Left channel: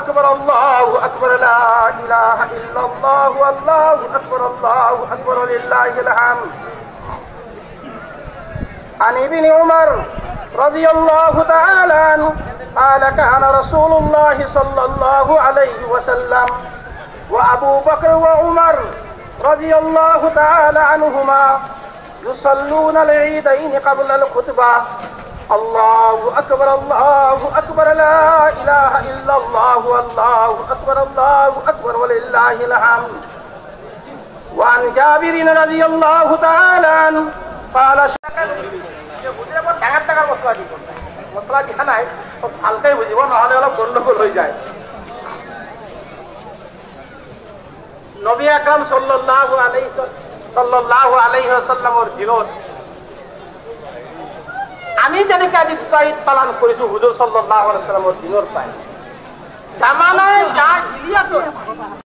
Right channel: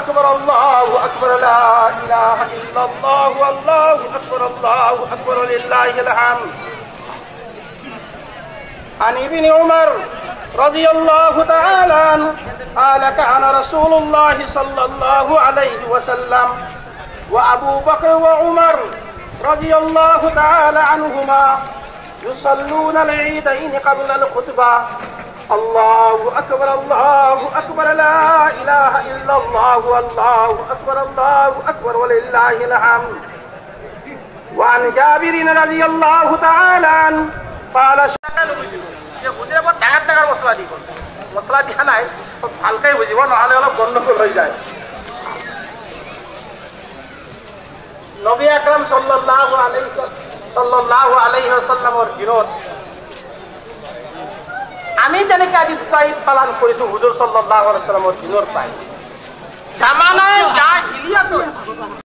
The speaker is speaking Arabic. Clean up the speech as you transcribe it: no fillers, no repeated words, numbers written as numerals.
أكبر الله أكبر لا إله إلا الله والله أكبر لله الحمد. عن ابن عمر رضي الله تعالى عنه قال كان رسول الله صلى الله عليه وسلم وأبو بكر وعمر رضي الله تعالى عنهما يصلون العيدين قبل الخطبة الله أكبر لا إله إلا الله والله أكبر ولله الحمد. وعن جابر رضي الله تعالى عنه قال মশলা দিয়া নাই হালকাই বুঝিব নহলে অলপ গন্ডগোল হয়ে যায়। নবী আকরাম সাল্লাল্লাহু আলাইহি ওয়াসাল্লামের দিনত আমি যেনেকে আজি ঈদ পালন কৰিছো হুজুর সাল্লাল্লাহু আলাইহি ওয়াসাল্লামের দিনৰ পাই জামানা